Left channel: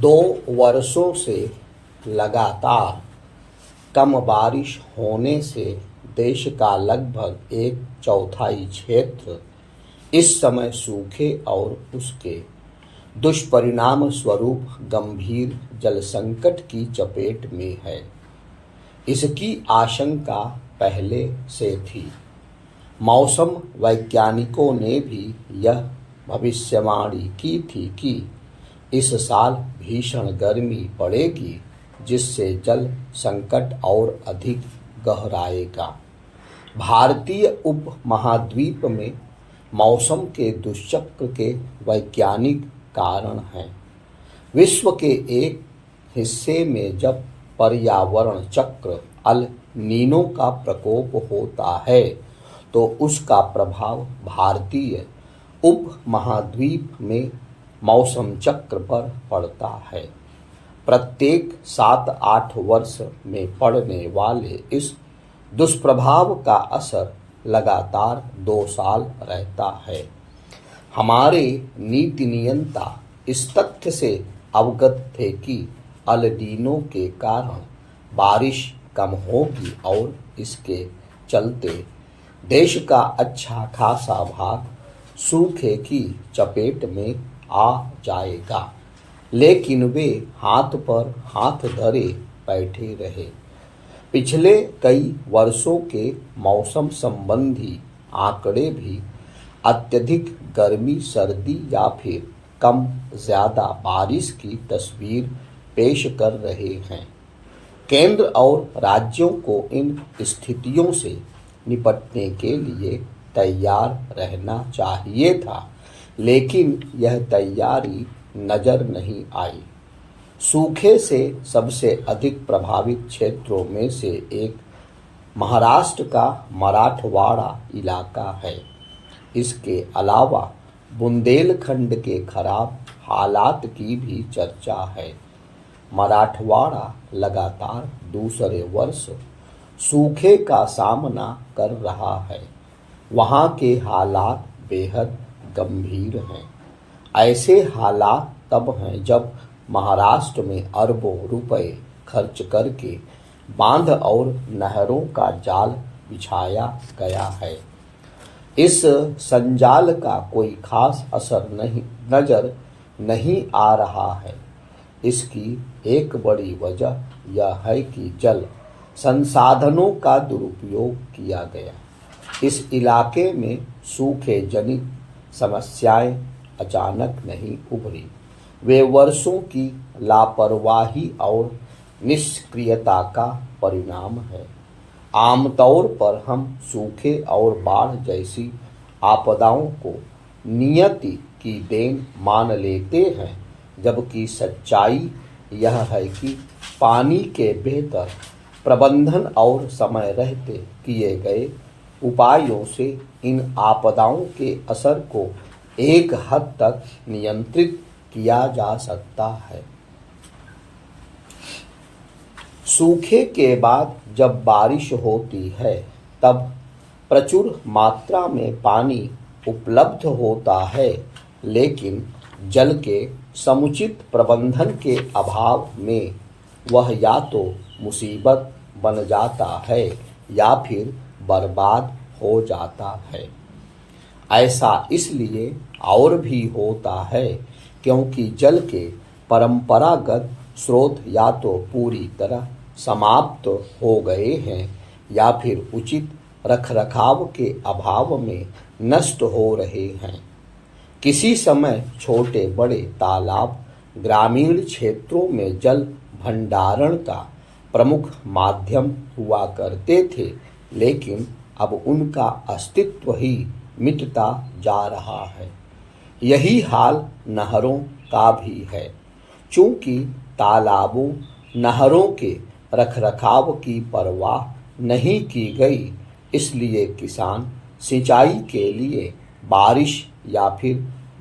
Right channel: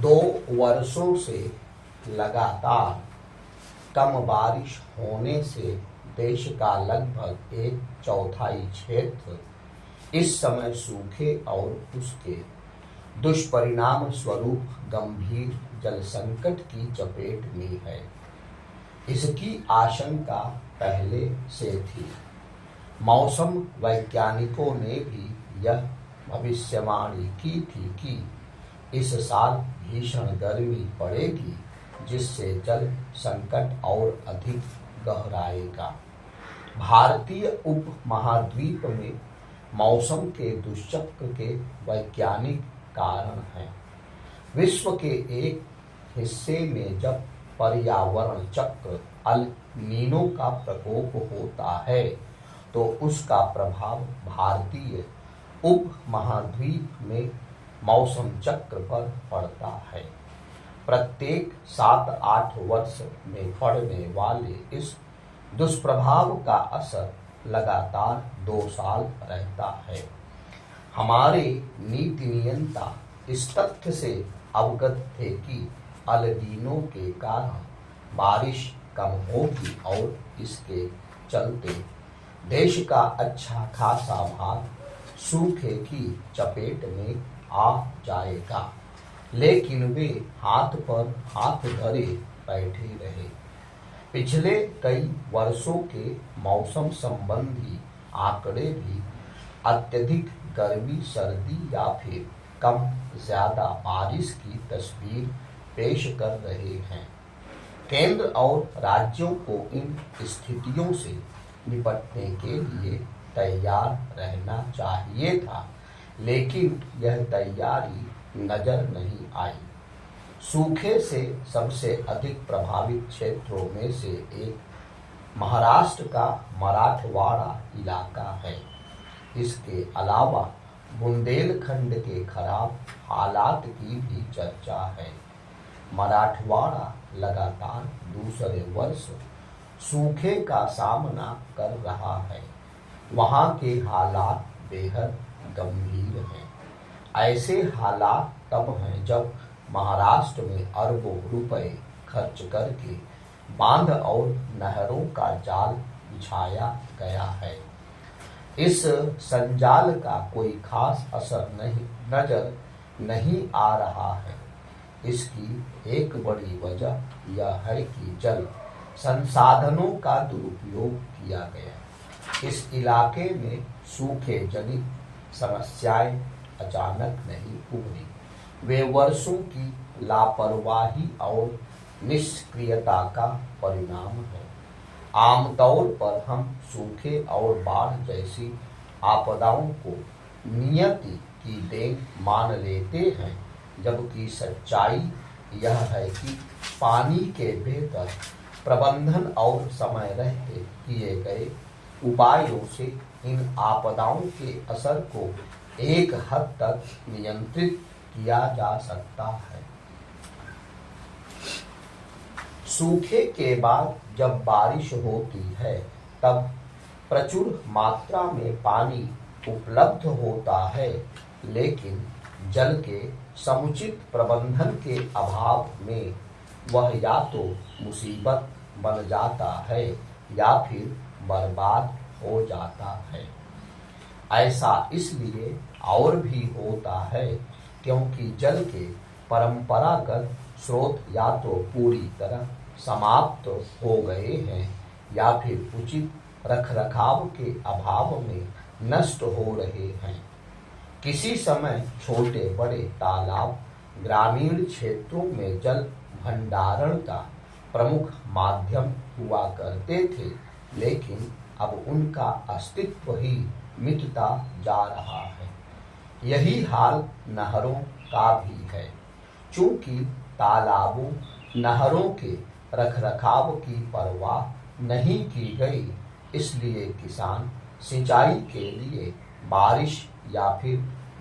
2 वर्षों से लगातार कम बारिश होने से देश का लगभग 1/4 क्षेत्र इस समय सूखे और उसके दुष्परिणाम स्वरूप गंभीर जल संकट की चपेट में है। इसकी आशंका पहले से थी। मौसम वैज्ञानिकों ने भी यह भविष्यवाणी की थी कि इस साल भीषण गर्मी पड़ेगी, जिससे जल संकट और अधिक गहराएगा। भारतीय उपमहाद्वीप में मौसम के दुष्चक्र के वैज्ञानिक कारण हैं। विश्व के एक हिस्से में जब पर्यावरण चक्र अल नीनो का प्रकोप होता है तो उसका प्रभाव भारतीय उपमहाद्वीप में मौसम चक्र पर पड़ता है। प्रत्येक 7-8 वर्ष में पड़ने वाले इस दुष्प्रभाव का असर लगातार 2 साल रहता है। हमारे नीति नियंता इस तथ्य से अवगत थे कि अल नीनो के कारण बारिश कम होगी और इसके चलते देश का अच्छा खासा भाग सूखे की चपेट में आ जाएगा, लेकिन वे हाथ पर हाथ धरे बैठे रहे। पिछले कई वर्षों के मौसम संबंधी आंकड़े भी अत्यधिक गर्मी, सर्दी या फिर कम ज्यादा बारिश की तस्वीर पेश कर रहे हैं। केंद्र और राज्यों को इन स्थितियों से निपटने के लिए तैयार रहना चाहिए था, लेकिन यह तैयारी नजर नहीं आई। सूखे से सबसे अधिक प्रभावित क्षेत्रों में से एक महाराष्ट्र का मराठवाड़ा इलाका है। इसके अलावा बुंदेलखंड के खराब हालात की भी चर्चा है। मराठवाड़ा लगातार दूसरे वर्ष सूखे का सामना कर रहा है। वहाँ के हालात बेहद गंभीर हैं। ऐसे हालात तब हैं जब महाराष्ट्र में अरबों रुपए खर्च करके बांध और नहरों का जाल बिछाया गया है। इस संजाल का कोई खास असर नजर नहीं आ रहा है। इसकी एक बड़ी वजह यह है कि जल संसाधनों का दुरुपयोग किया गया। इस इलाके में सूखे जनित समस्याएं अचानक नहीं उभरी। वे वर्षों की लापरवाही और निष्क्रियता का परिणाम है। आमतौर पर हम सूखे और बाढ़ जैसी आपदाओं को नियति की देन मान लेते हैं, जबकि सच्चाई यह है कि पानी के बेहतर प्रबंधन और समय रहते किए गए उपायों से इन आपदाओं के असर को एक हद तक नियंत्रित किया जा सकता है। सूखे के बाद जब बारिश होती है तब प्रचुर मात्रा में पानी उपलब्ध होता है, लेकिन जल के समुचित प्रबंधन के अभाव में वह या तो मुसीबत बन जाता है या फिर बर्बाद हो जाता है। ऐसा इसलिए और भी होता है क्योंकि जल के परंपरागत स्रोत या तो पूरी तरह समाप्त हो गए हैं या फिर उचित रखरखाव के अभाव में नष्ट हो रहे हैं। किसी समय छोटे बड़े तालाब ग्रामीण क्षेत्रों में जल भंडारण का प्रमुख माध्यम हुआ करते थे, लेकिन अब उनका अस्तित्व ही मिटता जा रहा है। यही हाल नहरों का भी है। चूंकि तालाबों, नहरों के रखरखाव की परवाह नहीं की गई, इसलिए किसान सिंचाई के लिए बारिश या फिर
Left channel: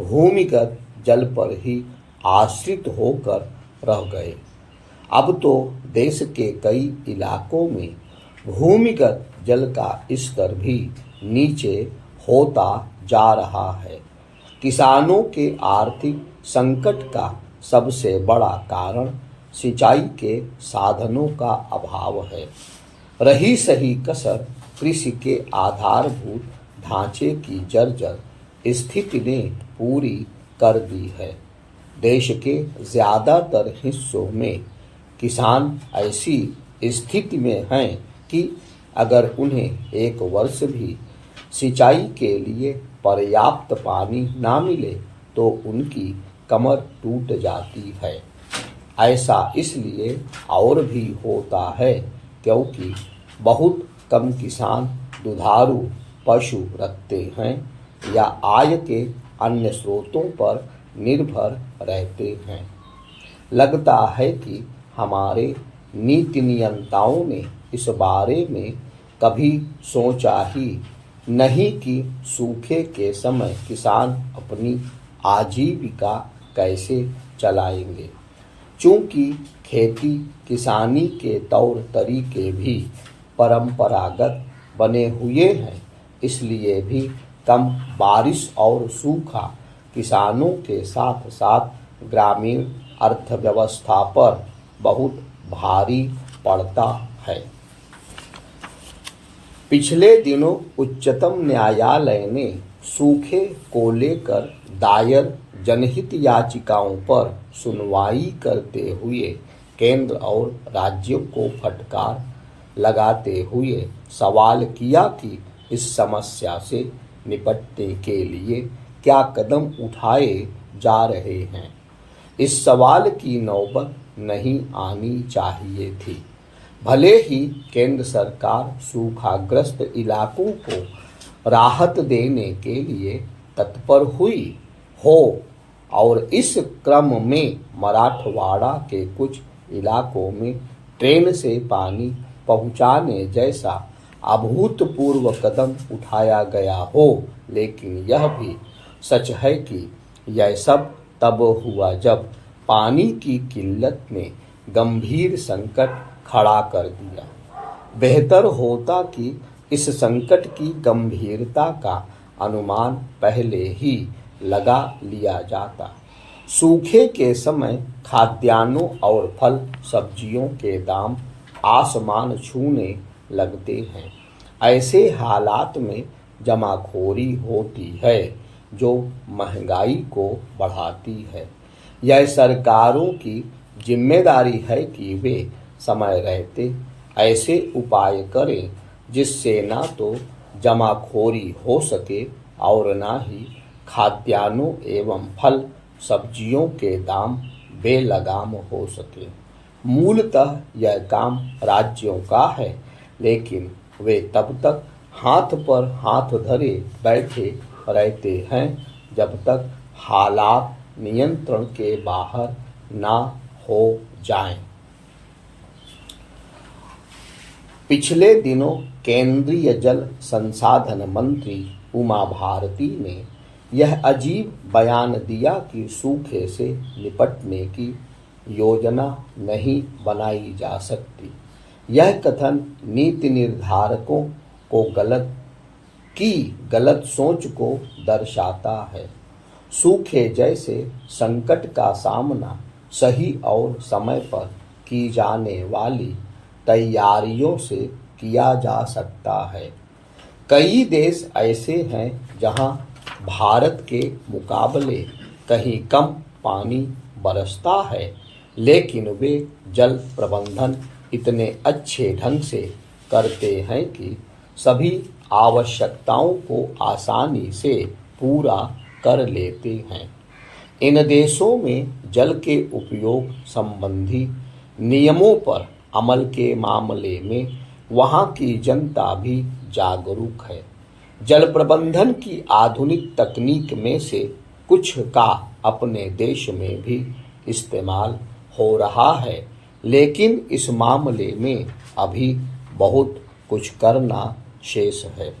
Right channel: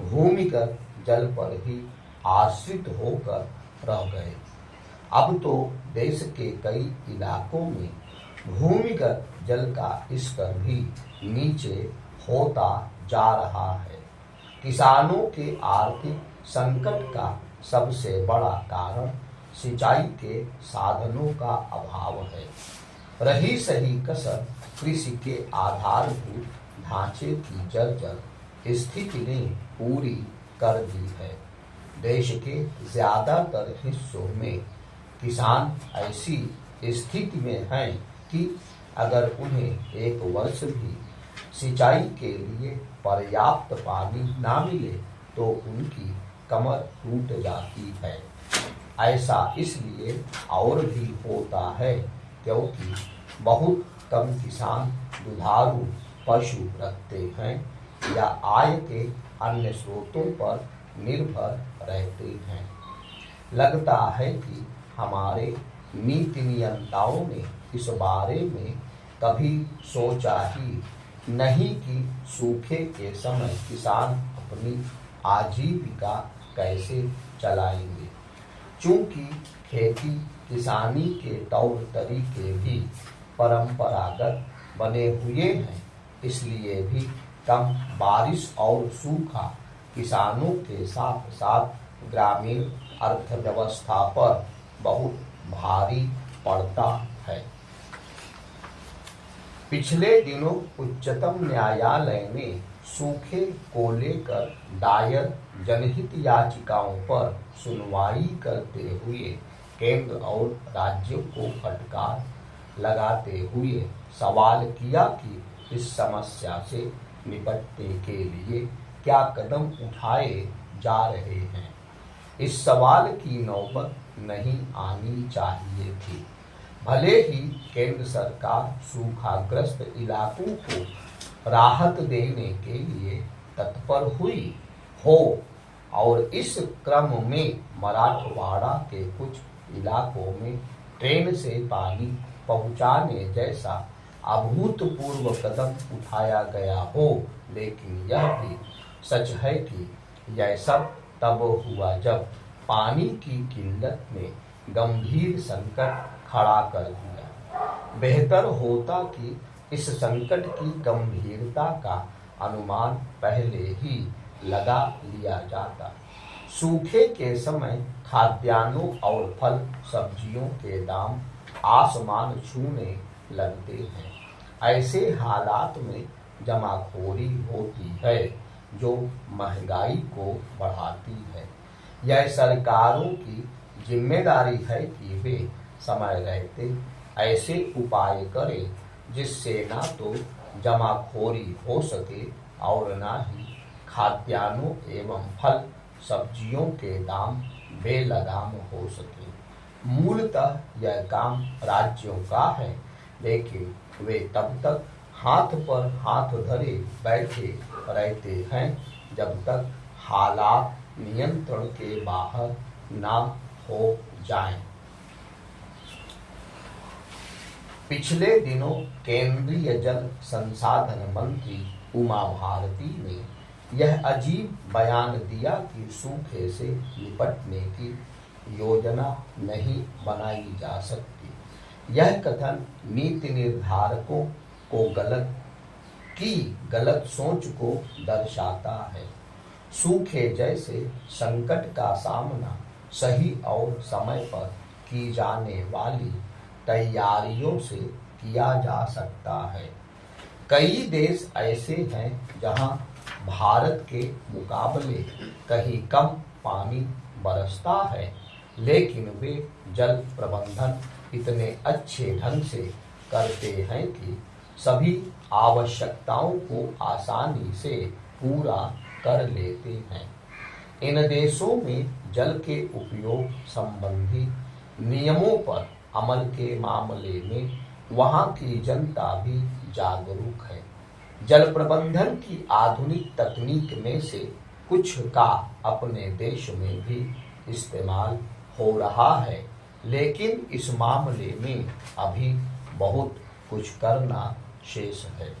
भूमिगत जल पर ही आश्रित होकर रह गए। अब तो देश के कई इलाकों में भूमिगत जल का स्तर भी नीचे होता जा रहा है। किसानों के आर्थिक संकट का सबसे बड़ा कारण सिंचाई के साधनों का अभाव है। रही सही कसर कृषि के आधारभूत ढांचे की जर्जर स्थिति ने पूरी कर दी है। देश के ज्यादातर हिस्सों में किसान ऐसी स्थिति में हैं कि अगर उन्हें एक वर्ष भी सिंचाई के लिए पर्याप्त पानी ना मिले तो उनकी कमर टूट जाती है। ऐसा इसलिए और भी होता है क्योंकि बहुत कम किसान दुधारू पशु रखते हैं या आय के अन्य स्रोतों पर निर्भर रहते हैं। लगता है कि हमारे नीति नियंताओं ने इस बारे में कभी सोचा ही नहीं कि सूखे के समय किसान अपनी आजीविका कैसे चलाएंगे। चूंकि खेती किसानी के तौर तरीके भी परंपरागत बने हुए हैं, इसलिए भी कम बारिश और सूखा किसानों के साथ साथ ग्रामीण अर्थव्यवस्था पर बहुत भारी पड़ता है। पिछले दिनों उच्चतम न्यायालय ने सूखे को लेकर दायर जनहित याचिकाओं पर सुनवाई करते हुए केंद्र और राज्यों को फटकार लगाते हुए सवाल किया कि इस समस्या से निपटने के लिए क्या कदम उठाए जा रहे हैं। इस सवाल की नौबत नहीं आनी चाहिए थी। भले ही केंद्र सरकार सूखाग्रस्त इलाकों को राहत देने के लिए तत्पर हुई हो और इस क्रम में मराठवाड़ा के कुछ इलाकों में ट्रेन से पानी पहुंचाने जैसा अभूतपूर्व कदम उठाया गया हो, लेकिन यह भी सच है कि यह सब तब हुआ जब पानी की किल्लत ने गंभीर संकट खड़ा कर दिया। बेहतर होता कि इस संकट की गंभीरता का अनुमान पहले ही लगा लिया जाता। सूखे के समय खाद्यान्नों और फल सब्जियों के दाम आसमान छूने लगते हैं। ऐसे हालात में जमाखोरी होती है जो महंगाई को बढ़ाती है। यह सरकारों की जिम्मेदारी है कि वे समय रहते ऐसे उपाय करें जिससे ना तो जमाखोरी हो सके और ना ही खाद्यान्नों एवं फल सब्जियों के दाम बेलगाम हो सके। मूलतः यह काम राज्यों का है, लेकिन वे तब तक हाथ पर हाथ धरे बैठे रहते हैं जब तक हालात नियंत्रण के बाहर ना हो जाएं। पिछले दिनों केंद्रीय जल संसाधन मंत्री उमा भारती ने यह अजीब बयान दिया कि सूखे से निपटने की योजना नहीं बनाई जा सकती। यह कथन नीति निर्धारकों को गलत सोच को दर्शाता है। सूखे जैसे संकट का सामना सही और समय पर की जाने वाली तैयारियों से किया जा सकता है। कई देश ऐसे हैं जहां भारत के मुकाबले कहीं कम पानी बरसता है, लेकिन वे जल प्रबंधन इतने अच्छे ढंग से करते हैं कि सभी आवश्यकताओं को आसानी से पूरा कर लेते हैं। इन देशों में जल के उपयोग संबंधी नियमों पर अमल के मामले में वहां की जनता भी जागरूक है। जल प्रबंधन की आधुनिक तकनीक में से कुछ का अपने देश में भी इस्तेमाल हो रहा है, लेकिन इस मामले में अभी बहुत कुछ करना शेष है।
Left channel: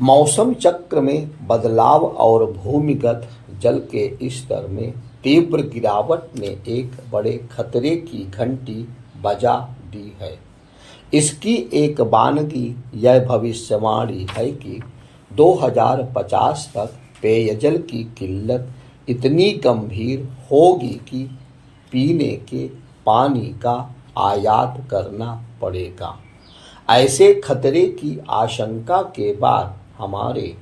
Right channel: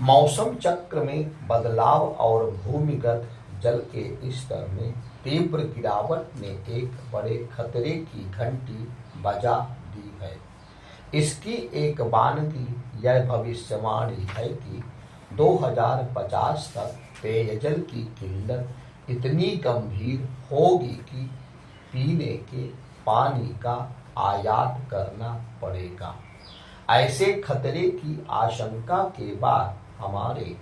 मौसम चक्र में बदलाव और भूमिगत जल के स्तर में तीव्र गिरावट ने एक बड़े खतरे की घंटी बजा दी है। इसकी एक बानगी यह भविष्यवाणी है कि 2050 तक पेयजल की किल्लत इतनी गंभीर होगी कि पीने के पानी का आयात करना पड़ेगा। ऐसे खतरे की आशंका के बाद हमारे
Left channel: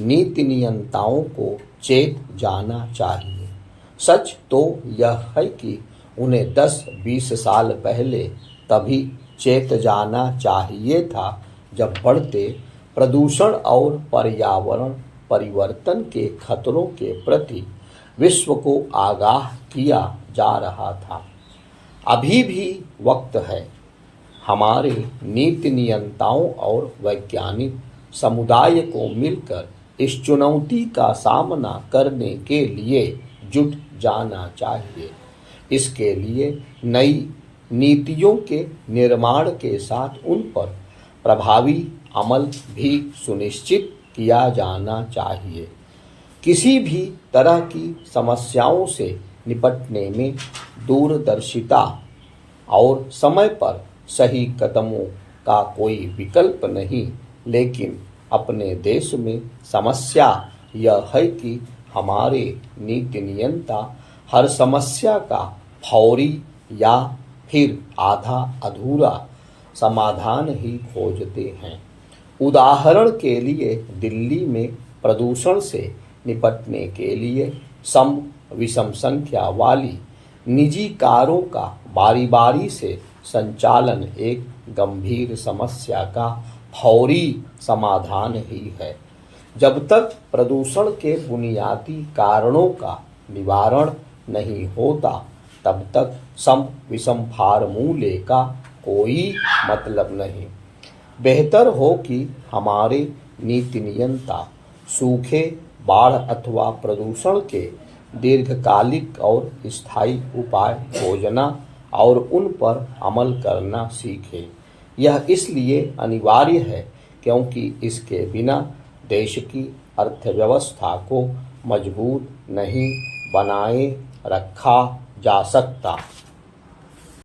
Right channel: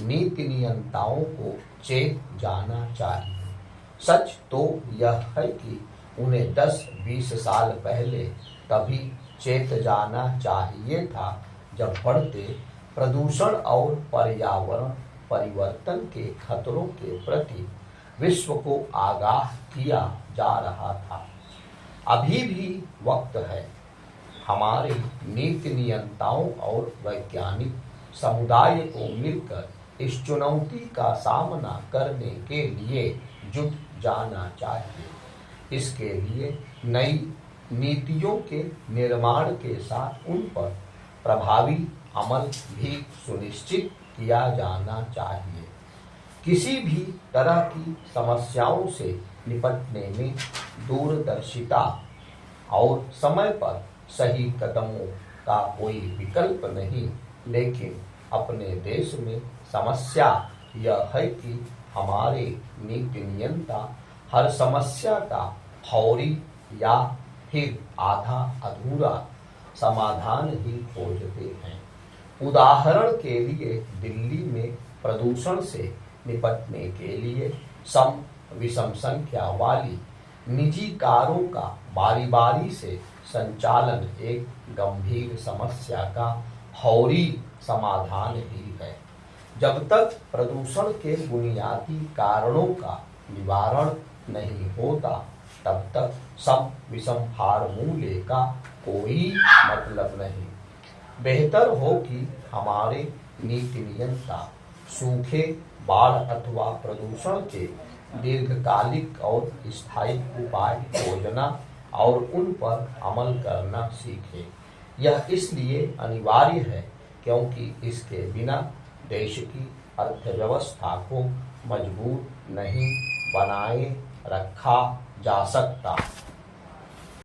नीति नियंताओं को चेत जाना चाहिए। सच तो यह है कि उन्हें 10-20 साल पहले तभी चेत जाना चाहिए था जब बढ़ते प्रदूषण और पर्यावरण परिवर्तन के खतरों के प्रति विश्व को आगाह किया जा रहा था। अभी भी वक्त है। हमारे नीति नियंताओं और वैज्ञानिक समुदाय को मिलकर इस चुनौती का सामना करने के लिए जुट जाना चाहिए। इसके लिए नई नीतियों के निर्माण के साथ उन पर प्रभावी अमल भी सुनिश्चित किया जाना चाहिए। किसी भी तरह की समस्याओं से निपटने में दूरदर्शिता और समय पर सही कदमों का कोई विकल्प नहीं, लेकिन अपने देश में समस्या यह है कि हमारे नीति नियंता हर समस्या का फौरी या फिर आधा अधूरा समाधान ही खोजते हैं। उदाहरण के लिए दिल्ली में प्रदूषण से निपटने के लिए सम विषम संख्या वाली निजी कारों का बारी बारी से संचालन एक गंभीर समस्या का फौरी समाधान ही है। जब तक प्रदूषण के बुनियादी कारणों का निवारण नहीं होता, तब तक सम विषम फार्मूले का कोई मतलब नहीं। बेहतर हो कि हमारे नीति नियंता सूखे, बाढ़ अथवा प्रदूषण के दीर्घकालिक और स्थायी उपाय खोजना और उन पर अमल करना सीखें। यह इसलिए अनिवार्य है क्योंकि इसके बिना देश की अर्थव्यवस्था को मजबूत नहीं बनाए रखा जा सकता।